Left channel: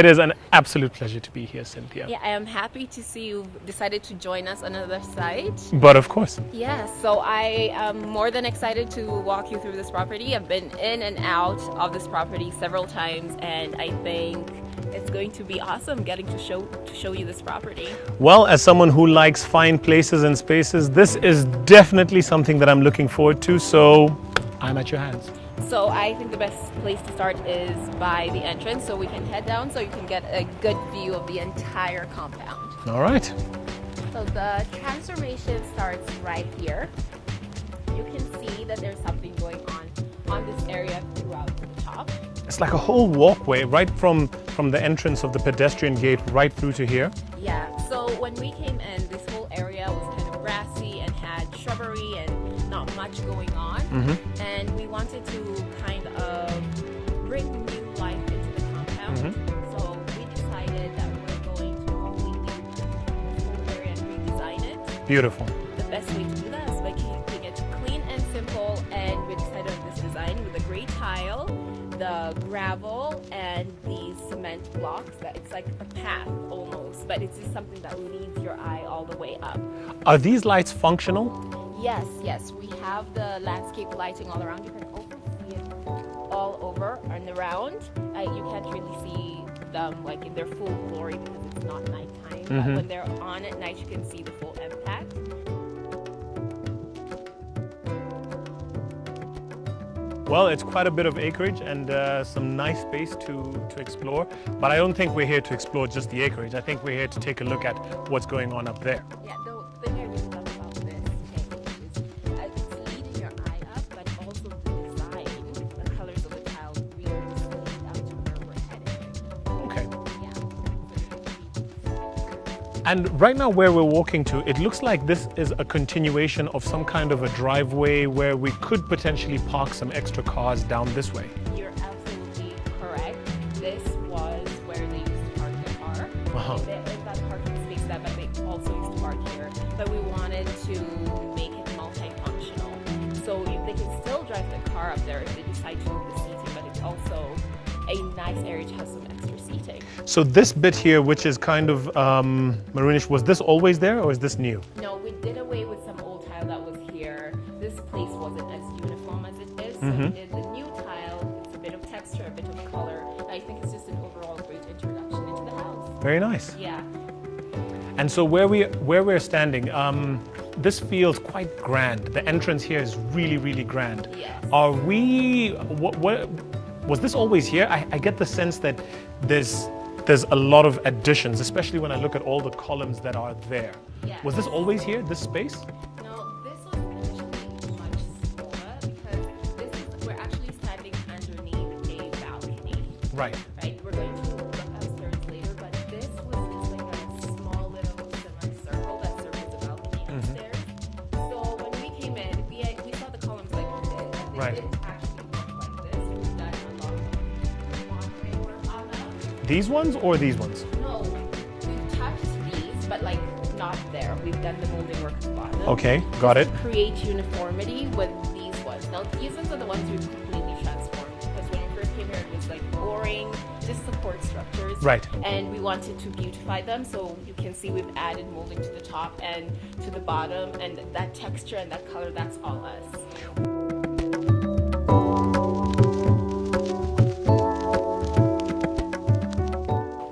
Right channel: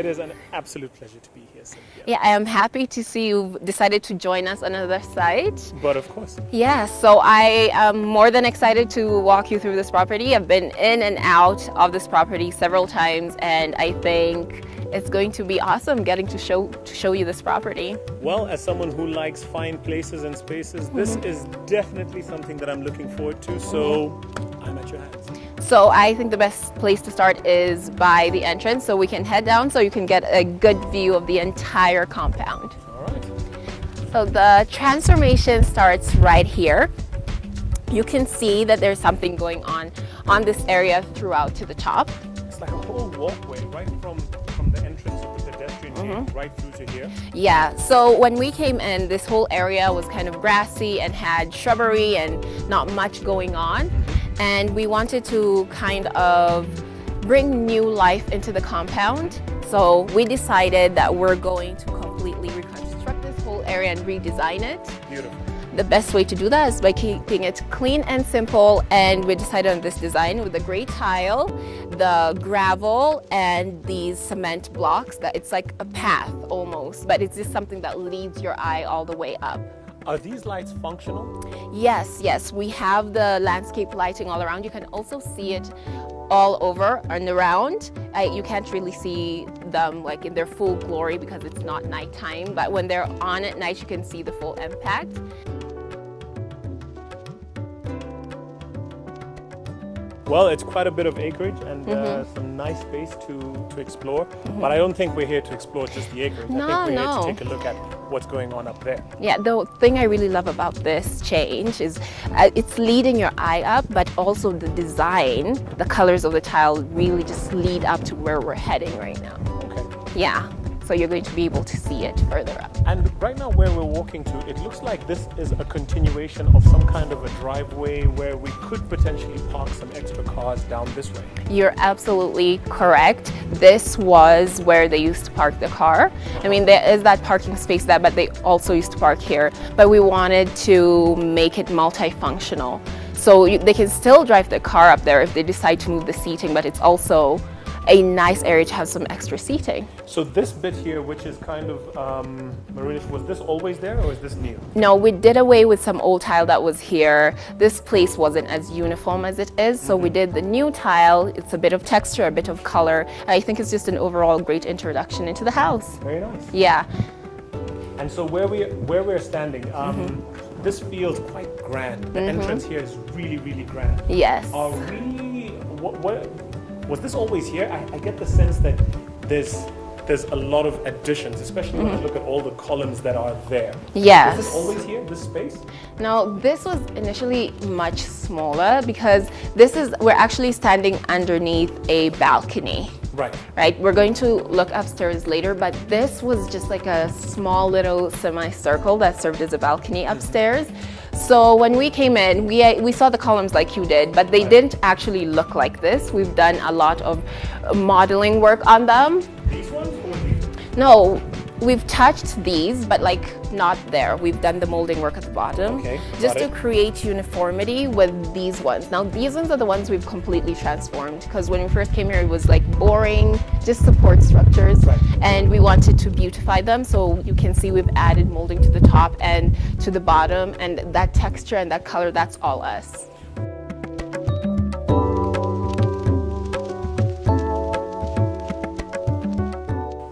It is an absolute pleasure to be here, Cynthia. Yeah, I am happy to see you've decided to join us on another site. But of course. Yeah, so I am more than excited to walk you through this property. I've been in and out of this property several times, and I think it's going to be awesome getting to show you this property. Well, as someone who likes fine places and spaces, this is definitely something that I'm looking forward to, so I'm at your hands. So I think the best place to start is by the entrance, so we can head down so you can get a good view of the entire compound. All right. So the transformation starts right here. You can see that there's something going on this area throughout to the top. It's like a whole walkway right from the entrance of the pedestrian gate right through to here. Yeah, so when we came in, this whole area was kind of grassy and had shrubbery and not much going on. And we wanted to kind of bring new life into the compound. So we decided that we're going to completely reconstruct this whole area and redesign it. Beautiful. The best way to do that is by keeping it clean and simple, and we decided on this design with the gray tile, the gravel, and these cement blocks. That it's like a path almost, but it's just something that leads your eye all the way up. Are these lights functional? Yes, we have the landscape lighting all around. You can also see it all over and around. You can't really see them like in their full glory because it's not nighttime, but when they're on at night, you can see the full impact. Well, it's quite a bit of acreage and some nice space to explore. But I don't think we're here to explore just the acreage. I think we're here to take a look at what's going on up there. Yeah, the thing I really love about this change is it's leading your eye up, but also the design, the colors of the tile really just lead up to where we're heading right now. Okay. Yeah, so you're going to be able to see it further up. And right now where we're walking to, it looks like this is a continuation of some kind of a driveway where we could potentially park some extra cars down this way. You're absolutely correct. This was where they used to park the car. I mean, there is that parking space there, but they also used to park here. But we wanted to make it multifunctional. So they can still drive the car up there if they decide to move the seating, but it's also a nice area to have some extra seating. So this bit here, which is kind of maroonish, was this always there or is this new? No, we did away with some old tile that was here. This place wasn't as uniform as it is, so we did the new tile. It's a bit of texture, a bit of color. I think it's just an overall great introduction into the house. Very nice. Yeah. And so where we're standing, this feels quite grand. The entrance here is really, really grand. Yes. Are we, was this always here? I get the sense that there's a lot of additions, especially when I look at all the columns that are there. Yes. Was this always here, this space? No, this was initially much smaller because we're actually standing underneath a balcony. Right, we're going to look upstairs later, but this was just like a small little semicircle that served as a balcony upstairs. So when we came in, we saw the columns like you did, but they didn't actually look like this. We've done a lot of modeling work on them. These ones or these ones? No, we've touched these, but like not there. We've done the molding work at the bottom. Okay, got it. Just to create uniformity with these ones. Now these ones are the ones we've completely transformed because when we first came here it was like boring, just support structures. Right. And we wanted to beautify them, so you can see we've added molding to the top and to the bottom, and that texture and that color, that's all us.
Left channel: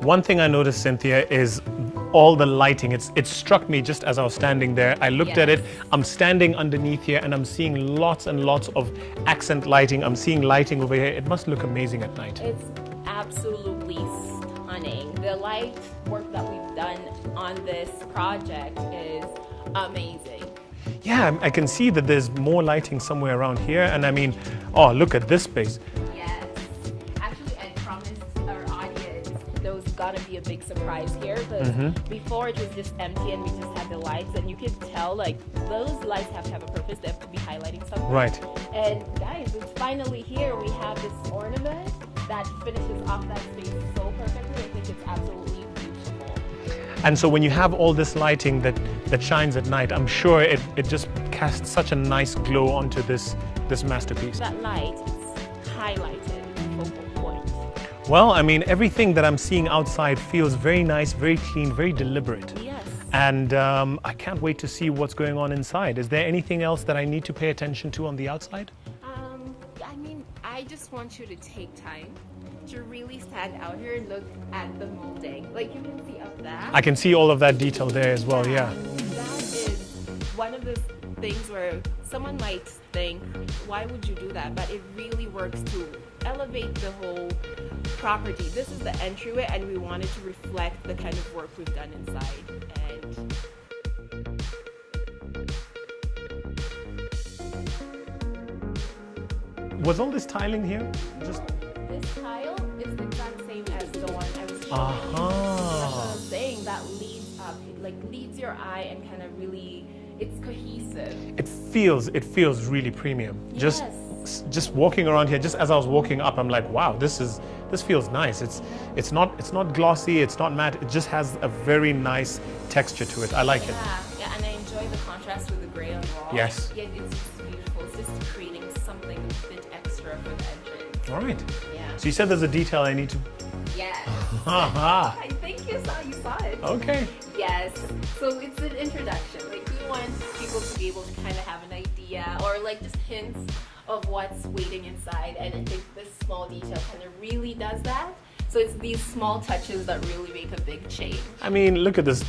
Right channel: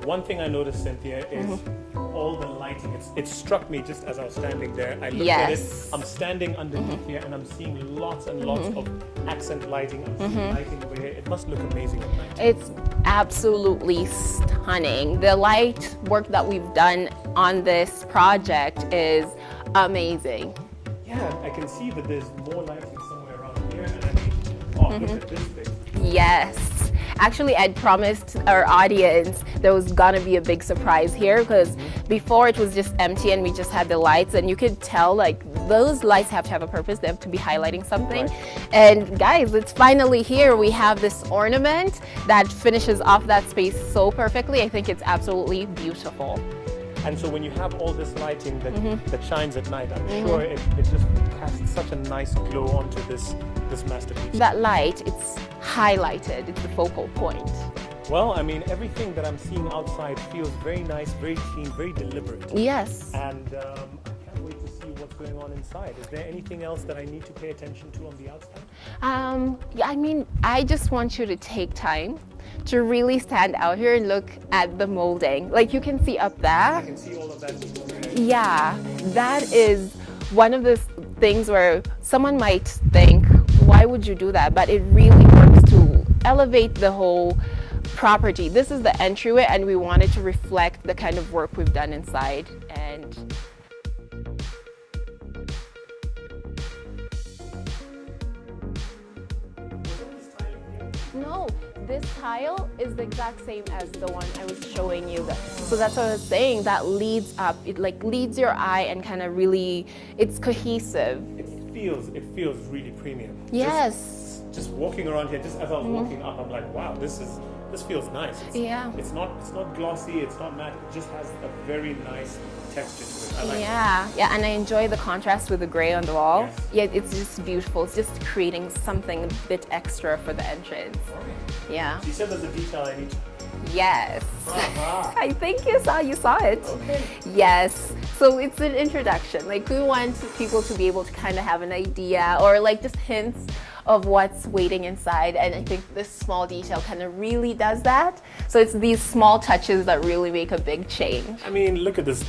One thing I noticed, Cynthia, is all the lighting. It struck me just as I was standing there. I looked at it. I'm standing underneath here and I'm seeing lots and lots of accent lighting. I'm seeing lighting over here. It must look amazing at night. It's absolutely stunning. The light work that we've done on this project is amazing. Yeah, I can see that there's more lighting somewhere around here. And I mean, oh, look at this space. Yes. Actually, I'd promised our audience there was gonna be a big surprise here because before it was just empty and we just had the lights, and you could tell like those lights have to have a purpose. They have to be highlighting something. Right. And guys, it's finally here. We have this ornament that finishes off that space so perfectly. I think it's absolutely beautiful. And so when you have all this lighting that shines at night, I'm sure it just casts such a nice glow onto this masterpiece. That light, it's highlighted, it's the focal point. Well, I mean, everything that I'm seeing outside feels very nice, very clean, very deliberate. Yes. And I can't wait to see what's going on inside. Is there anything else that I need to pay attention to on the outside? Yeah, I mean, I just want you to take time to really stand out here and look at the molding. Like you can see up there. I can see all of that detail there as well. Yeah, that is one of the things where someone might think, why would you do that? But it really works to elevate the whole property. This is the entryway, and we wanted to reflect the kind of work we've done inside. And was all this tile in here? no, this tile is the exact same as the one I was showing you. So that's what I was saying, that leads up, it like leads your eye and kind of really, it's cohesive. It feels really premium. Yes. Just walking around here, just as I was walking up, I'm like, wow, this feels nice. It's not glossy, it's not matte, it just has a very nice texture to it. I like it. Yeah, and I enjoy the contrast with the gray on the wall. Yes. Yeah, it's just beautiful. It's just creating something a bit extra for the entrance. All right. Yeah. So you said there's a detail I need to... Yes. Aha. I think you saw it. Okay. Yes. So it's an introduction. Like we want people to be able to kind of have an idea or like just hints of what's waiting inside, and I think this small detail kind of really does that. So it's these small touches that really make a big change. I mean, look at this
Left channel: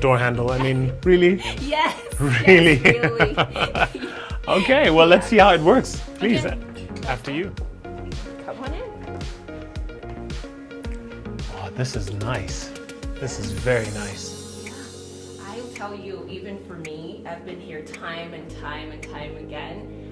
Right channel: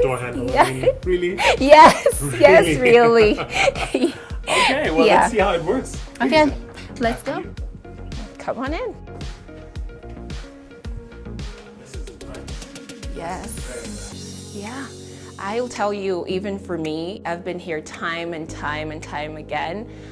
door handle. I mean, really? Yes, Really? yes, really. Okay, well, let's see how it works. Please. Okay, let's After go. you. Come on in. Oh, this is nice. Yes. This is very nice. Yeah, I'll tell you, even for me, I've been here time and time and time again.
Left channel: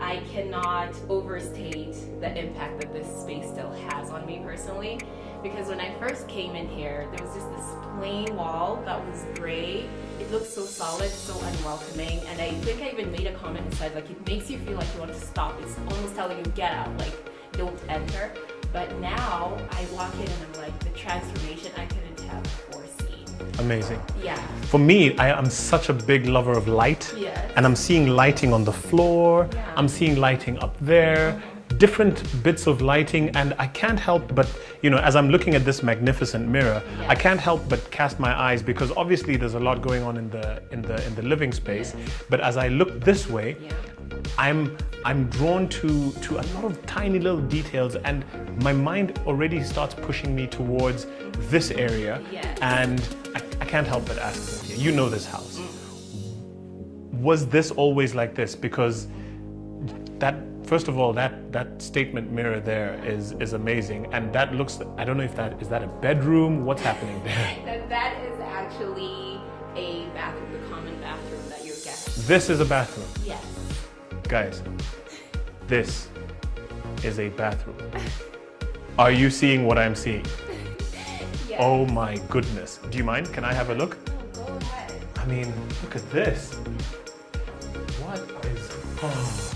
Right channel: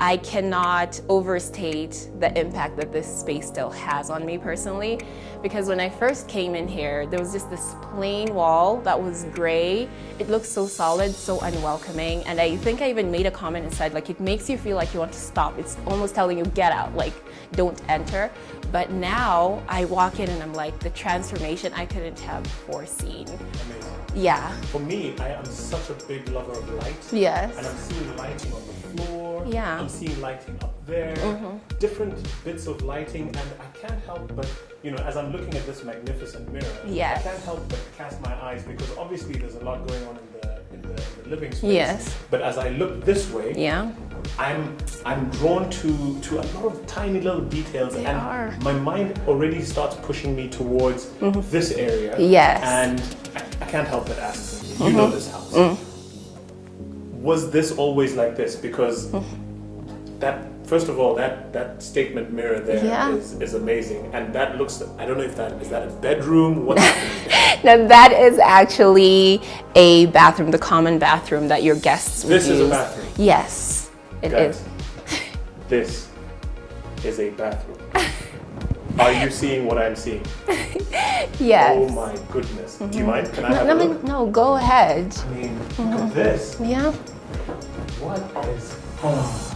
I cannot overstate the impact that this space still has on me personally, because when I first came in here, there was just this plain wall that was gray. It looked so solid, so unwelcoming, and I think I even made a comment inside, like it makes you feel like you want to stop. It's almost telling you, get out, like don't enter. But now I walk in and I'm like, the transformation I couldn't have foreseen. Amazing. Yeah. For me, I am such a big lover of light. Yes. And I'm seeing lighting on the floor. Yeah. I'm seeing lighting up there. Different bits of lighting, and I can't help but, you know, as I'm looking at this magnificent mirror, Yes. I can't help but cast my eyes, because obviously there's a lot going on in the living space. Yes. But as I look this way, Yeah. I'm drawn to a lot of tiny little details, They and are. my mind already starts pushing me towards this area. Yes. And I can't help but ask you. You know this house. Was this always like this? Because that, first of all, that statement mirror there Yeah. is amazing, and that looks, I don't know if that is that a bedroom. What's happening there? Now that is actually a bathroom, the common bathroom that your guests would This is a use. bathroom. Yes, it Guys, is. this is a bathroom. Are you seeing what I'm seeing? Yes. Oh my goodness. Do you mind? Can I have a look? No, go ahead. I mean, look at this. Yeah. What is... Oh.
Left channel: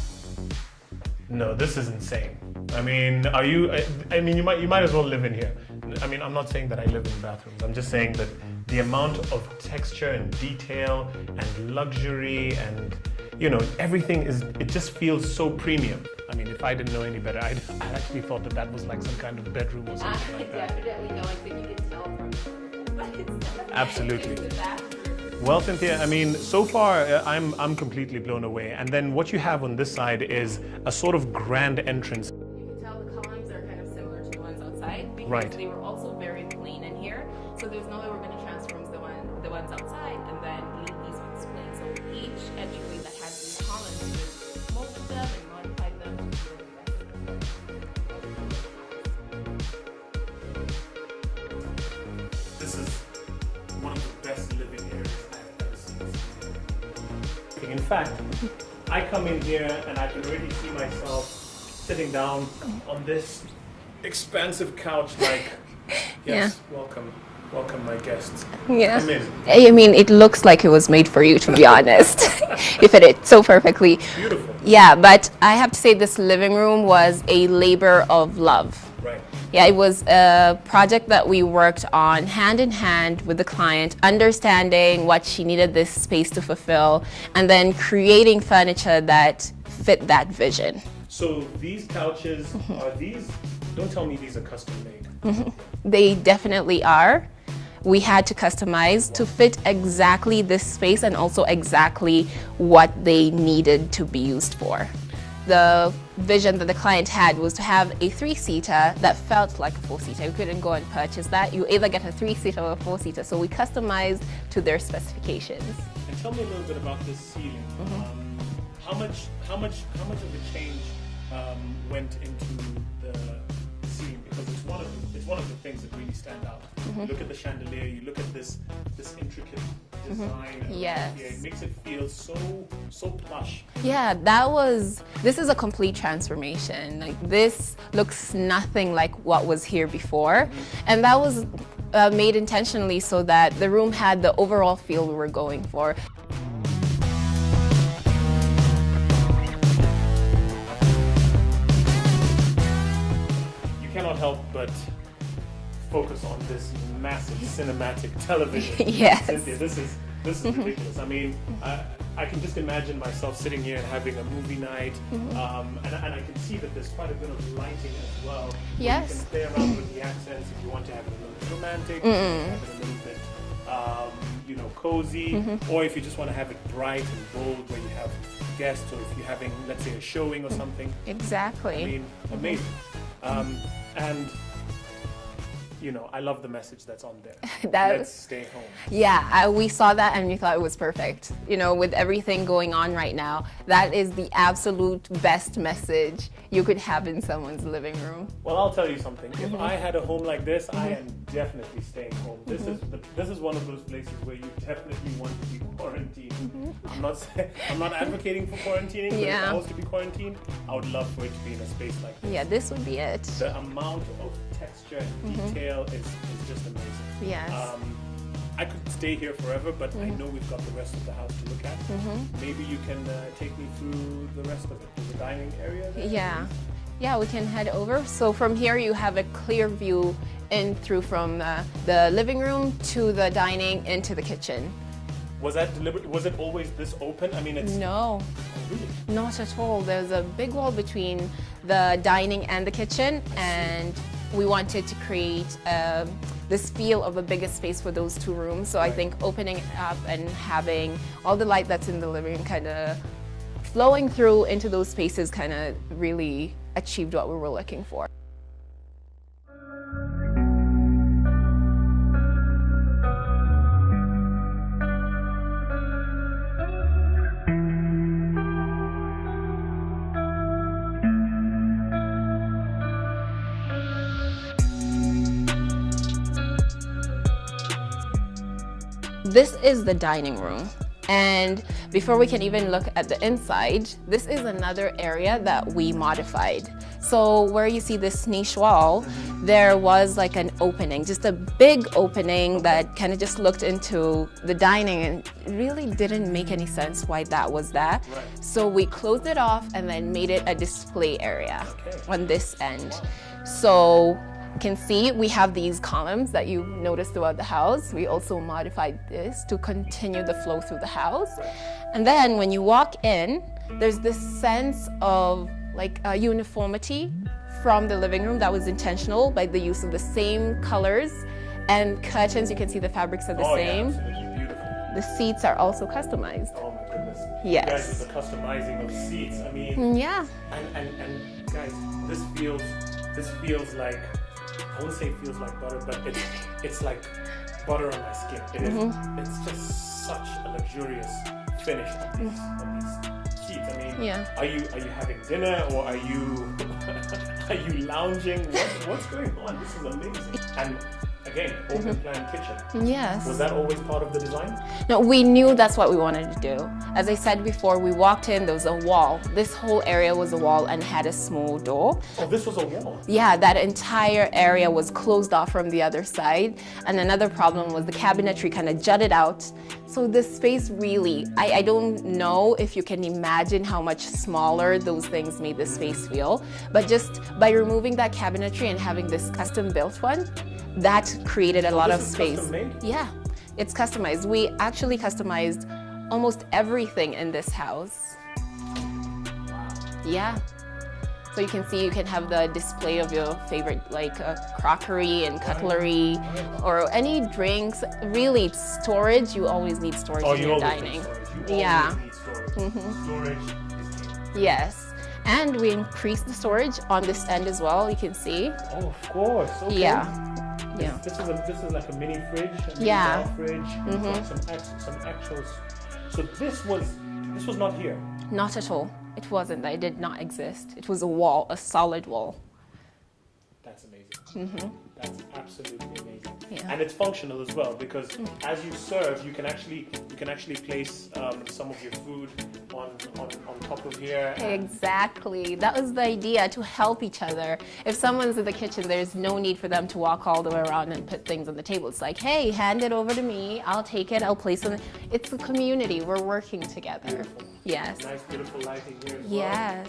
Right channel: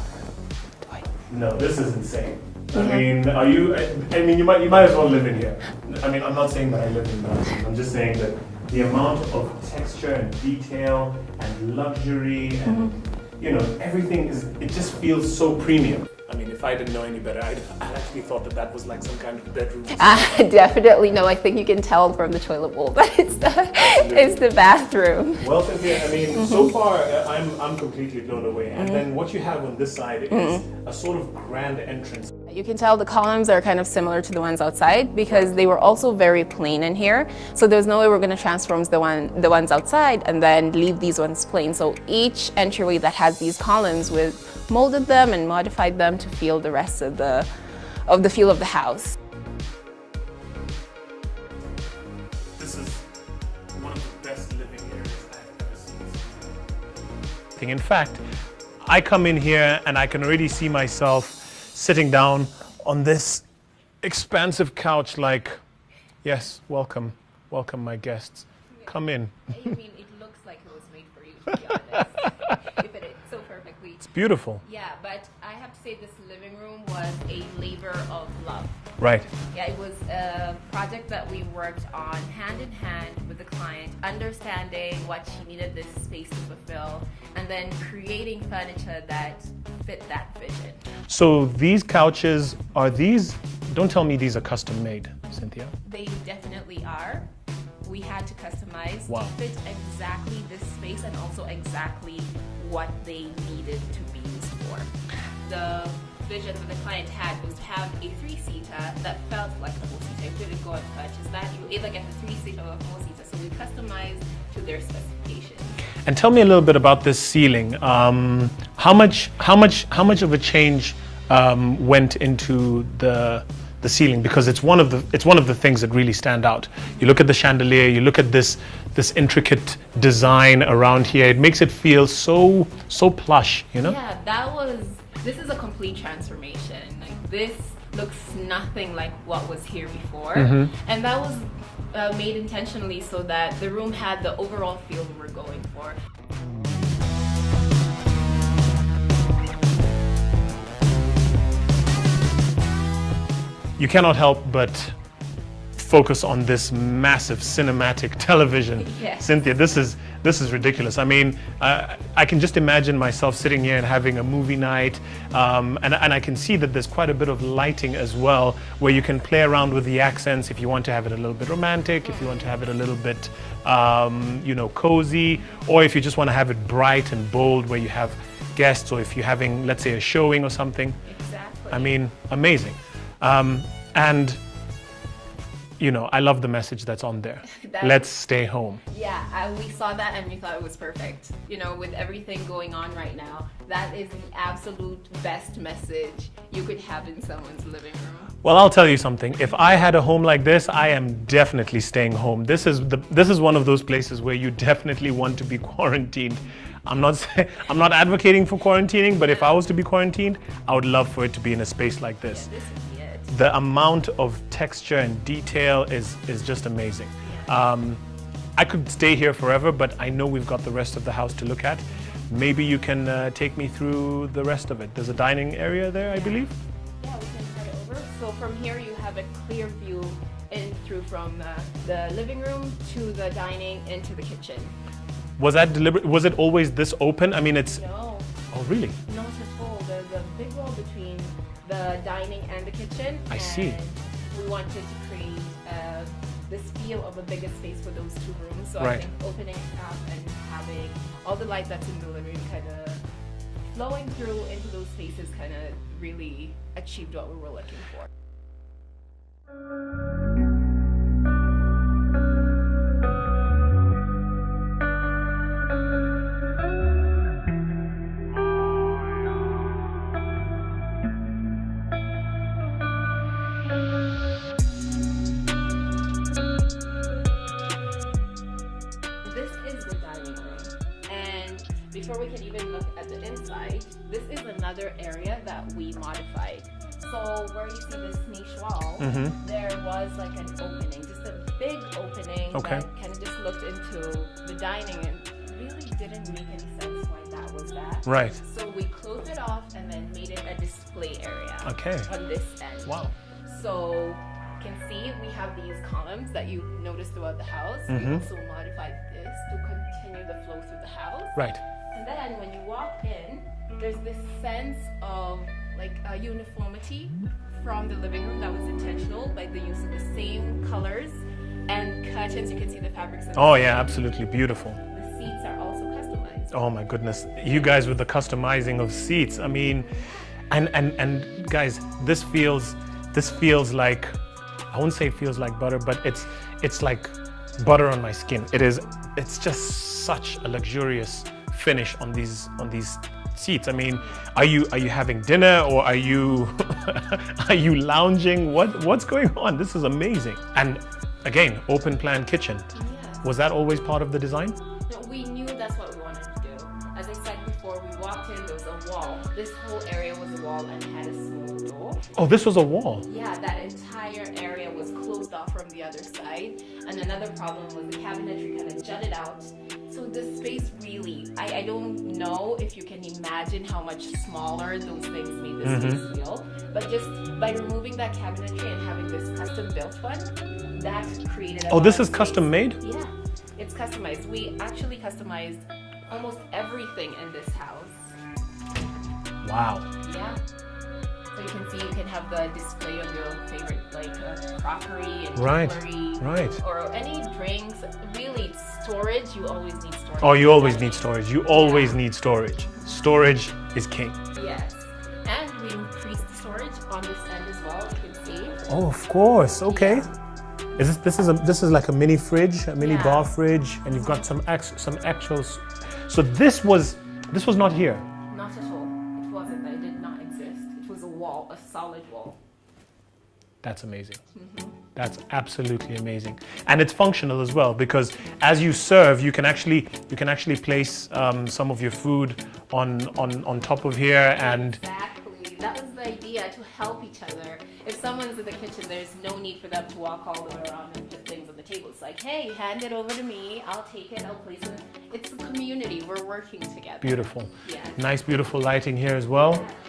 No, this is insane. I mean, are you... I mean, you might as well live in here. I mean, I'm not saying that I live in that. I'm just saying that the amount of texture and detail and luxury and, you know, everything is... It just feels so premium. I mean, if I didn't know any better, I actually thought that was like some kind of bedroom. Definitely no. I think you can tell from the toilet bowl that it's the bathroom. Well, Cynthia, I mean, so far I'm completely blown away. And then what you have on this side is a sort of grand entrance. You can tell the columns are kind of similar to the ones outside because they were also very plain in here. So there's no way we're going to transform the ones outside and then leave these ones plain. So each entryway that has these columns, we've molded them and modified them to feel the rest of the feel of the house. This is one of the best living areas I've ever seen. In fact, I come in here and I can already see myself sitting down on this expansive couch like, yes, welcome my guests. Yeah. Come in. I mean, it looks like it was made for you, to be honest. You fit it so perfectly. Beautiful. Yeah, but I have to say this living room was a labor of love. Right. Yeah, it was a project that we worked on hand in hand with the client, understanding what she needed this space to fulfill, and then creating furniture that fit that vision. So these couches, are these don't tell me these are custom made, Cynthia. They definitely are. We had to customize to fit exactly this space and also exactly what they needed to be used for. The vision that the client had was to have a 3-seater that felt like a 4-seater. You couldn't go and purchase that. You either get a 3-seater or a 4-seater. So we customized to their specifications. And tell me a little bit about this ceiling. How much of a change went into the ceiling, because it's one of the things that really stand out. You look at the chandelier, you look at this intricate design around here. It makes it feel so plush, you know? Yeah, this is a complete transformation. Like, this looks nothing like what was here before, and that was made intentionally so that the room had the overall feel we were going for. You cannot help but focus on this massive cinematic television. Yes. Cynthia, this is ridiculous. I mean, I can just imagine myself sitting here and having a movie night, and I can see that there's quite a bit of lighting as well, where you can play around with the accents if you want to have it a little bit romantic, if you want to have it a little bit, cozy, or if you just want to have it bright and bold, where you have guests, or if you're having, let's say, a showing or something. Exactly. I mean, amazing. And I love the message that's on there. Let's stay home. Yeah, we saw that and we thought it was perfect. With everything going on right now, that is the absolute best message you could have in someone's living room. Well, I'll tell you something. If I had a home like this, I am definitely staying home. This is one of those places where you definitely want to be quarantined. I'm not advocating for quarantining, but if I was to be quarantined, I would love for it to be in a space like this. Yeah, this would be it. The amount of texture and detail is just amazing. Yes. I could stay here forever, but I know we've got the rest of the house to look at. Maybe you can take me through the rest of it. There's a dining area there, I believe. Yeah, we can head over. So from here you have a clear view in through from the living room to the dining into the kitchen. Was that deliberate? Was it always this open? I mean, it's... No. Oh, really? Not at all. There's a big wall between the dining and the kitchen. And we wanted to create this feel of a bigger space for those two rooms. So I think opening it up and having all the light that's in the living room kind of flowing through into those spaces kind of really achieved what we were looking for. This is the dining room, and before we can even look at the inside, this is another area that we modified. So where you see this niche wall, there was like an opening, just a big opening that kind of just looked into the dining, and really didn't make any sense why that was there. Right. So we closed it off and then made it a display area on this end. Wow. So you can see we have these columns that you've noticed throughout the house. We also modified this to continue the flow through the house. Right. And then when you walk in, there's this sense of like a uniformity from the living room that was intentional by the use of the same colors and curtains. You can see the fabrics are the same. Oh yeah, absolutely beautiful. The seats are also customized. Oh my goodness. You guys with the customizing of seats. I mean, and guys, this feels like, I wouldn't say it feels like butter, but it's like butter on my skin. It is. It's just such a luxurious finish on these seats. I mean, are you having dinner, or are you are you lounging? What's going on? This is amazing. And again, open plan kitchen. Yes. Was that always part of the design? No, we knew that's what we wanted to do. As I said before, we walked in, there was a wall. This whole area was a wall and had a small door. Oh, this was a wall? Yeah, that entire area was closed off from the other side. And another problem was the cabinetry kind of jutted out. So this space really, I don't know if you can imagine how much smaller those things made the space feel. But just by removing that cabinetry and having this custom built one, that created a lot of space. Oh, this is custom made? Yeah, it's customized. We actually customized almost everything in this house. Wow. Yeah. So you can see you can have the display of your favorite like crockery and cutlery or any drinks. Really, storage, you always need storage. Oh, you always need storage. You always need storage. Storage is king. Yes. And we increased the storage on this end as well, you can see. Oh, of course. Okay. Yeah. This is like a mini fridge, a mini bar fridge, and you've got some actual. So this was not here. Not at all. It wasn't. It did not exist. It was a wall, a solid wall. That's amazing. That's absolutely amazing, and it's functional as well because as you serve, you can actually place some of your food on top of here. And exactly, that was the idea, to help each other. If someone's in the kitchen, there's no need for them to walk all the way around and put things on the table. It's like, hey, hand it over to me. I'll take it. I'll place it. It's a community. We're working together. Beautiful. Yes. Nice, beautiful lighting here as well. Yes.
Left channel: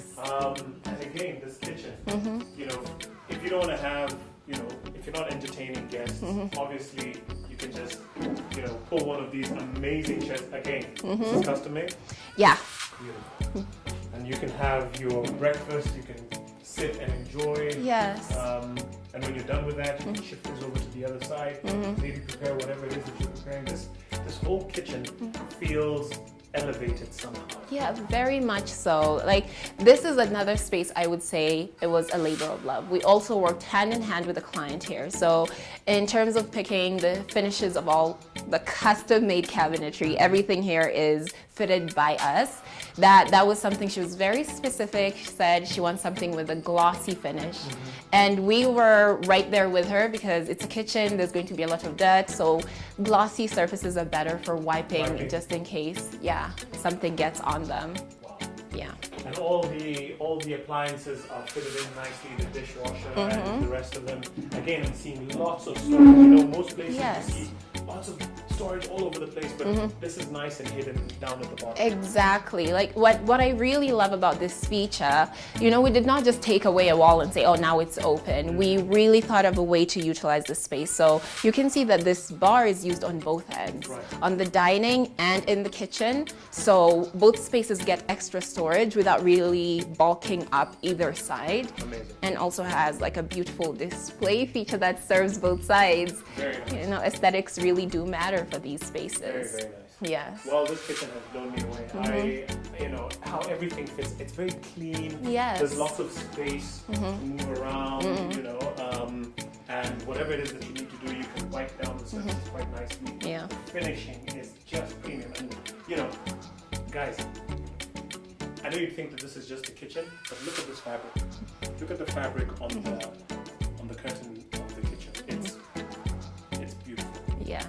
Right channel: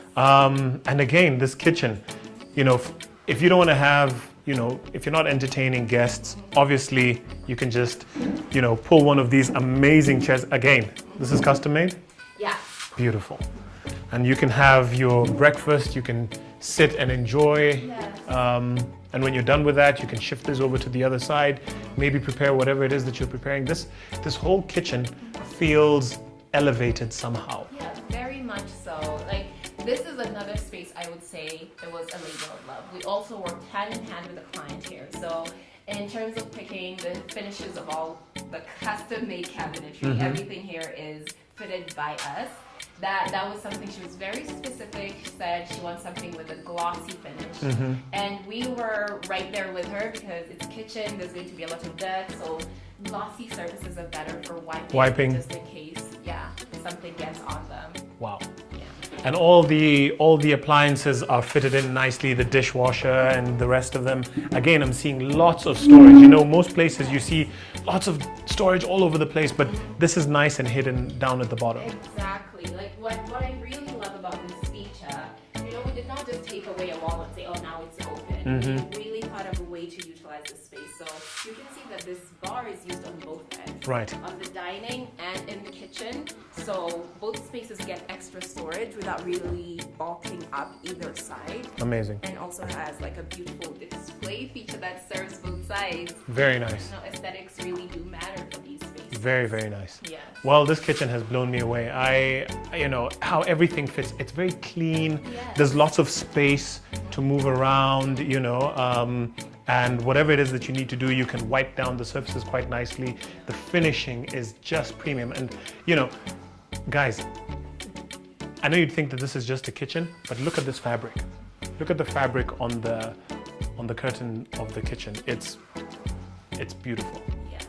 And again, this kitchen, you know. If you don't want to have, if you're not entertaining guests, obviously you can just, pull one of these amazing chairs. Again, this is custom made? Yeah. Beautiful. And you can have your breakfast, you can sit and enjoy. Yes. And when you're done with that, you can shift this over to the other side, maybe prepare whatever it is that you're preparing. This whole kitchen feels elevated somehow. Yeah, very much so. Like, this is another space I would say it was a labor of love. We also worked hand in hand with the client here. So in terms of picking the finishes of all the custom made cabinetry, everything here is fitted by us. That was something she was very specific. She said she wants something with a glossy finish. And we were right there with her because it's a kitchen, there's going to be a lot of dirt, so glossy surfaces are better for wiping. Just in case, something gets on them. Wow. Yeah. And all the appliances are fitted in nicely, the dishwasher and the rest of them. Again, I'm seeing lots of storage. Most places you see lots of storage all over the place, but this is nice and hidden down at the bottom. Exactly. Like what I really love about this feature, we did not just take away a wall and say, oh, now it's open. We really thought of a way to utilize the space. So you can see that this bar is used on both ends. Right. On the dining and in the kitchen. So both spaces get extra storage without really bulking up either side. Amazing. And also has like a beautiful display feature that serves both sides. Very nice. Aesthetics really do matter for these spaces. Very, very nice. Yes. Well, this kitchen has blown me away. How everything fits. It's very clean. Yes. There's lots of space to move around, and whatever it is that you need to do, you can wipe down the surfaces quite nicely. Yeah. The finishing is just premium. And, guys, I know you'd think that this is just a kitchen, but look at this fabric. Look at the fabric on the curtain of the kitchen. It's beautiful. Yeah.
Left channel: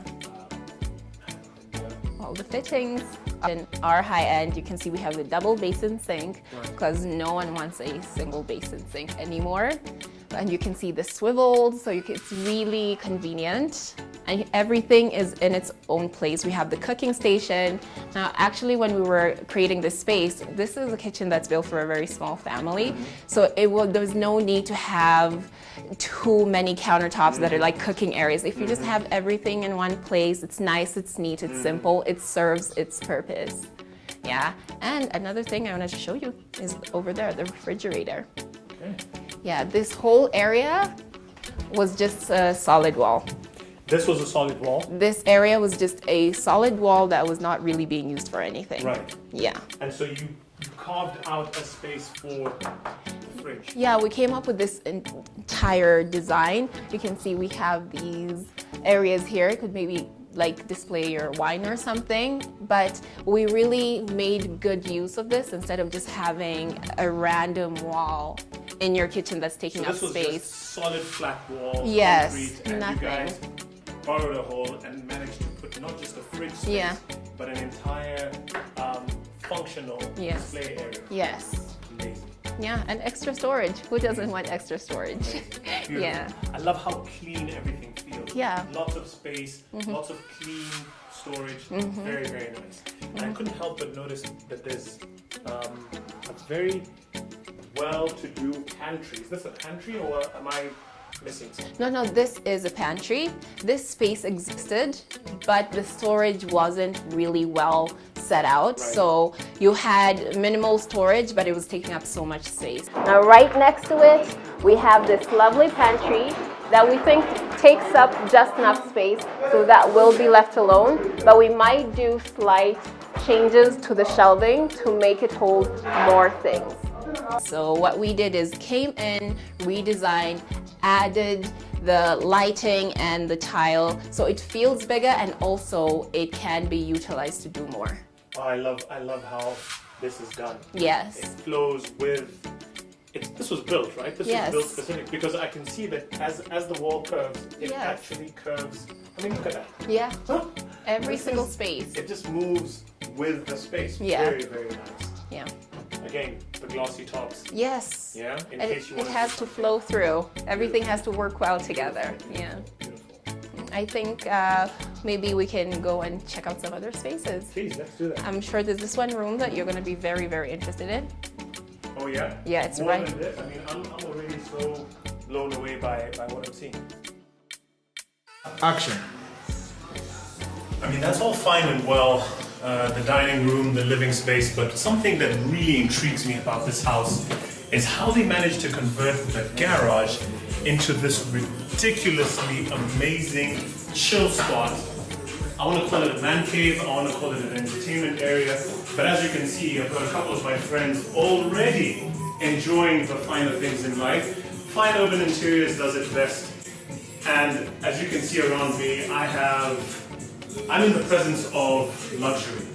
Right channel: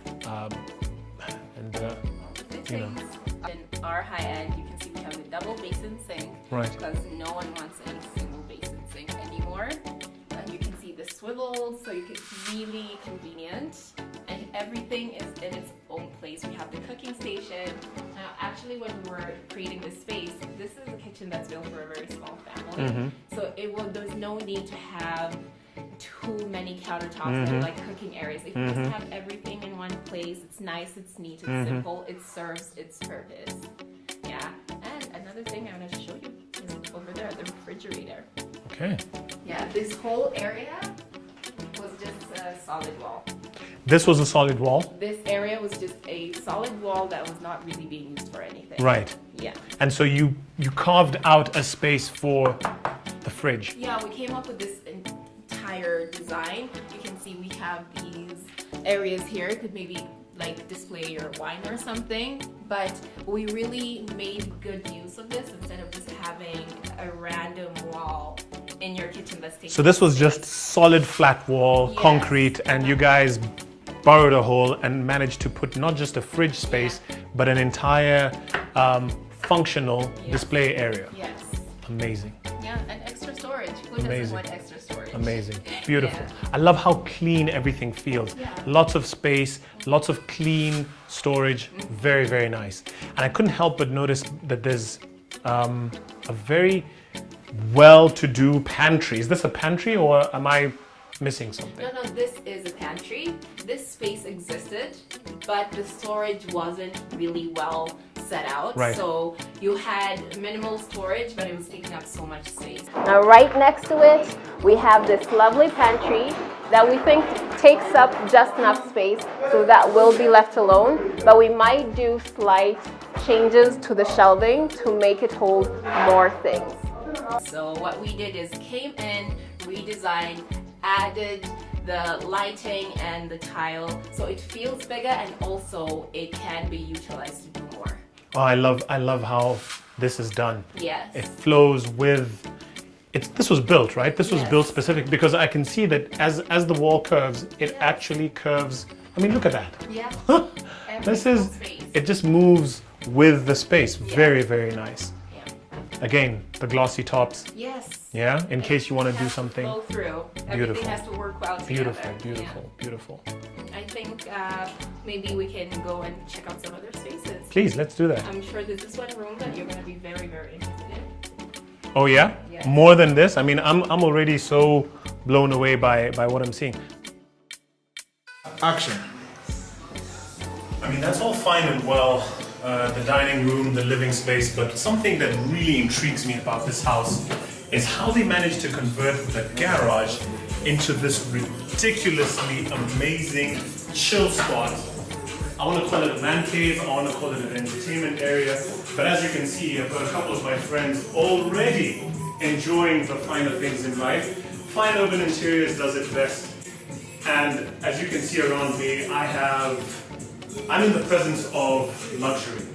And all the fittings. In our high end, you can see we have the double basin sink because no one wants a single basin sink anymore. And you can see the swivels, so it's really convenient. And everything is in its own place. We have the cooking station. Now, actually, when we were creating this space, this is a kitchen that's built for a very small family. So there's no need to have too many countertops that are like cooking areas. If you just have everything in one place, it's nice, it's neat, it's simple, it serves its purpose. Yeah. And another thing I wanted to show you is over there, the refrigerator. okay. Yeah, this whole area was just a solid wall. This was a solid wall? This area was just a solid wall that was not really being used for anything. Right. Yeah. And so you carved out a space for the fridge. Yeah, we came up with this entire design. You can see we have these areas here. It could maybe like display your wine or something, but we really made good use of this instead of just having a random wall in your kitchen that's taking So this was space. just solid flat wall, Yes, concrete, and you guys borrowed a hole and managed to put not just a fridge space, but an entire functional display area. Yes. Amazing. Yeah, and extra storage. Who doesn't want extra storage? Amazing. Beautiful. Yeah. I love how clean everything feels. Yeah. Lots of space, lots of clean storage. Very, very nice. And I couldn't help but notice that there's a very well-to-do pantry. Is this a pantry or am I missing something? No, this is a pantry. This space existed, but the storage wasn't really well set out. Right. So you had minimal storage, but it was taking up so much space. Now right next to it, we have this lovely pantry that we think takes up just enough space, so that will be left alone, but we might do slight changes to the shelving to make it hold more things. So what we did is came in, redesigned, added the lighting and the tile, so it feels bigger and also it can be utilized to do more. Oh, I love how this is done. Yes. It flows with. This was built, right? This was Yes. built specific because I can see that as the wall curves, it Yes. actually curves. I mean, look at that. Yeah. Every This single is. space. It just moves with the space. Yeah. Very, very nice. Yeah. Again, the glossy tops. Yes. Yeah, in case you want to do It something. has to flow through. Everything Beautiful. has to work well together. Beautiful, beautiful. I think maybe we can go and check out some other spaces. Please, let's do that. I'm sure there's this one room that you're going to be very, very interested in. Oh yeah? Yeah, it's More fun. than this? I mean, I'm already so blown away by what I'm seeing. Action. I mean, that's all fine and well, the dining room, the living space, but something that really intrigues me about this house is how they managed to convert the garage into this ridiculously amazing chill spot. I want to call it a man cave, I want to call it an entertainment area, but as you can see, I've got a couple of my friends already enjoying the finer things in life. Fine Urban Interiors does it best, and as you can see around me, I'm in the presence of luxury.